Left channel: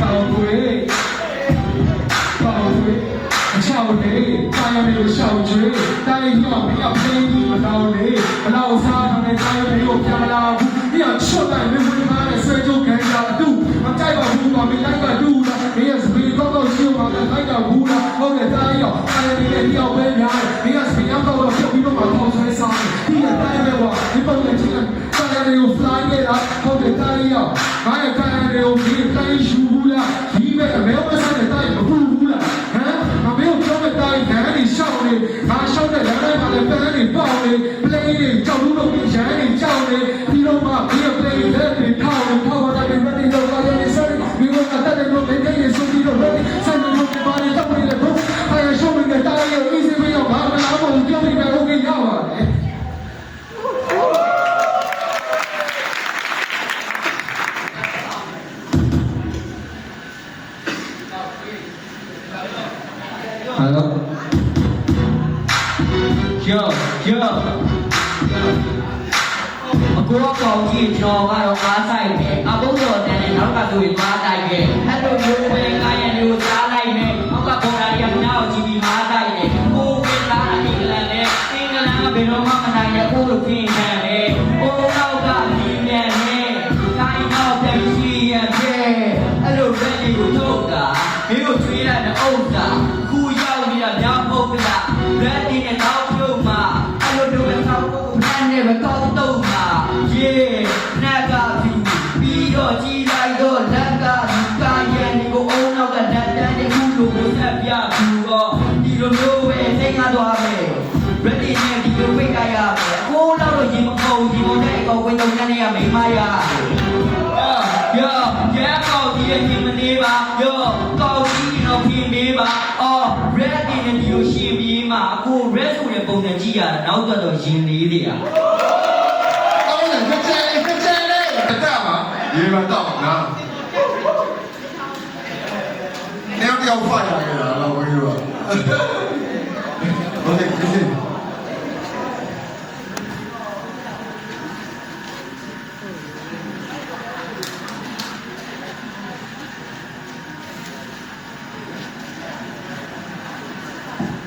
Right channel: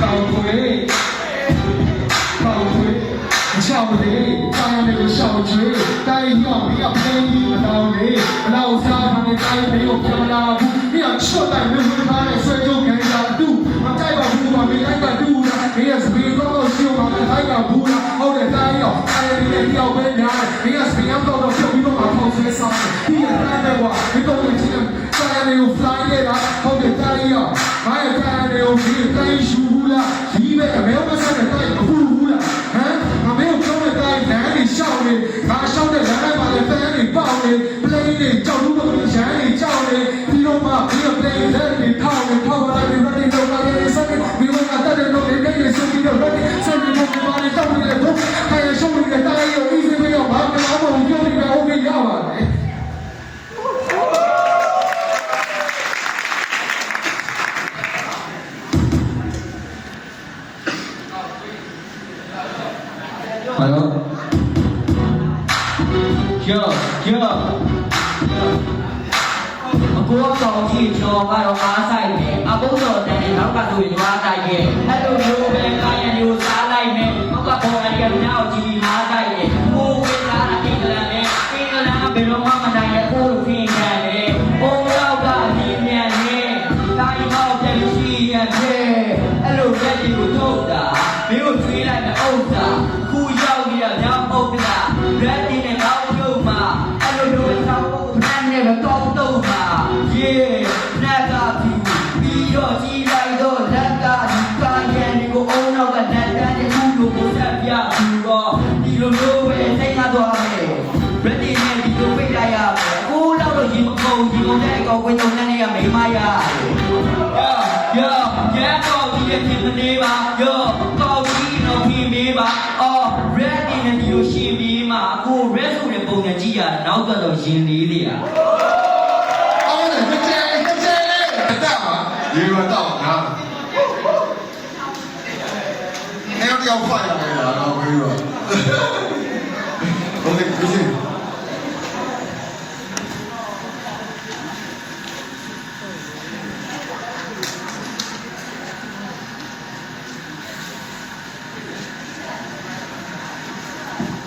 ကောင်းွယ်ကောင်းွယ်အချောင်းလေးတာယာလေးရှောင်းချွေတိုင်းရောက်ပြီးအဖေးကြီးမတော်လေဘလောက်စားထားတဲ့တိုင်းလေးကိုပြန်မလာဘူးဒီကချွတ်တိုင်းမင်းဝင်ထားတဲ့ဆွဲကြုံခံရတူမကြိုက်ပါဘူးကမင်းတိုင်းကတူလားဒီကစပင်းတော့ရှိမှလည်းတိုင်းကဘူးလားဟုတ်တယ်တိုင်းရောက်အဲ့ဒီလေးတယောက်ပဲ Hello. Yo, yo. အကူအကောင်ကြီးကျော်ကတော့ ရေနက်ကပြီးပြီးတော့ကြီးလိုက်တော့လက်ကဒီပန်းရန်ကိုအုံနောက်ကလက်တန်းတဲ့ခုလိုကိုဆက်ပြပြီးတော့ဒီလိုမျိုးပဲသိမ်းသွားမယ်ဘယ်ဒီနဲ့ဒီလိုပိတ်လိုက်ရမယ်ကိုတော့တော့ဒီမခုံဒီလိုနဲ့ကောက်ဝင်းတော့နဲ့ရမိမရယောယောကောက်ကြီးရဲ့ပြင်မလေးပါယောကောက်ကြီးတော့ပြင်မေးပါအော် ready နဲ့ဒီလိုရှင်းပြီးမှကို red ဆိုတဲ့ပုံစံကြည့်ရတာနောက်တော့ရင်လေးတွေอ่ะအော်လေကြဲကြဲကြဲလေတက်ပါရေရတော့နာနေတော့ဖိုင်ရတယ်တော့ဘယ်လိုဟုတ်တယ်ကြည့်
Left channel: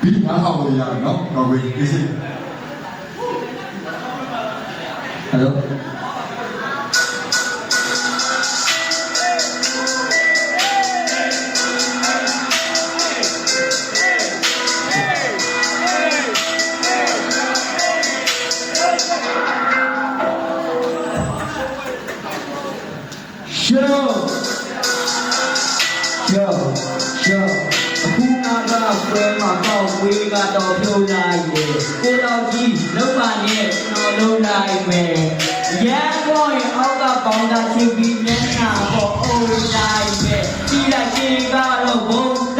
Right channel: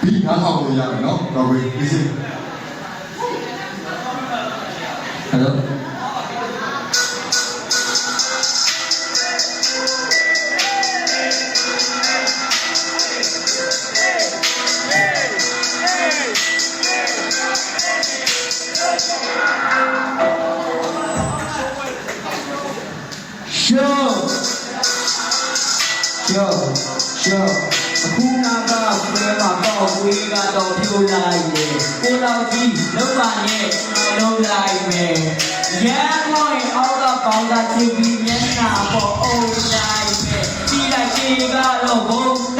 ဒီအားဟောင်းရရနော်တော့ဘယ်ကြည့် Hello. Show. Show. Show. အခုငါကဆွဲမှာပေါ့ဝေးကတော့ပြုံးနိုင်တယ်ကိုတော်ကြီးလောက်ပါနဲ့ကျွန်တော်လုံးလိုက်မယ်ရန်ကုန်ရဲ့အောက်ကပေါင်းတာချင်းပြီးမျက်နှာပေါ်အုံတိုင်းပဲကြီးလိုက်ကြီးကတော့ဘုံ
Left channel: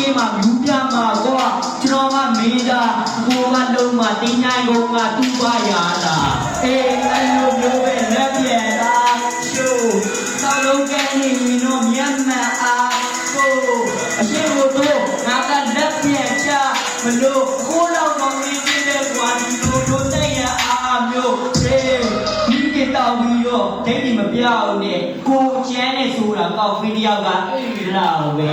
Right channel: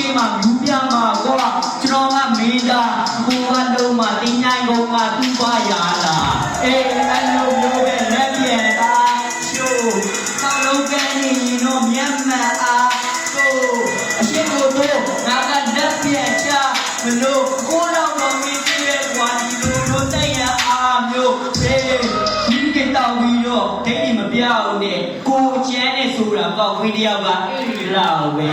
ရှေ့မှာယူပြမှာကွာကျွန်တော်ကမေးတာကိုကလုံးမှာတင်းနိုင်ကုန်ကသူ့ပါရတာအေးအလိုမျိုးပဲလက်ပြန်တာရှိုးသာလုံးကနေရင်တော့မျက်မှန်အားကိုအရှိကိုတော့ငါကလက်ပြန်ချမလို့ကိုတော့မဝေးသေးတဲ့ကွာဒီလိုလိုသိရအားမျိုးအေးဒီကိတောင်ပြီးတော့ဒိတ်ဒီမပြောင်းနဲ့ကိုကျန်းနဲ့ဆိုတာကောက်ပြီးတယောက်ကအဲ့ဒီလောက်ပဲ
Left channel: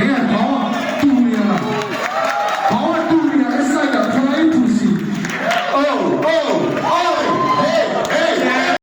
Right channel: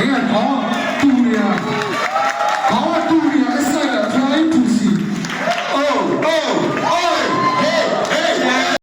Lihat!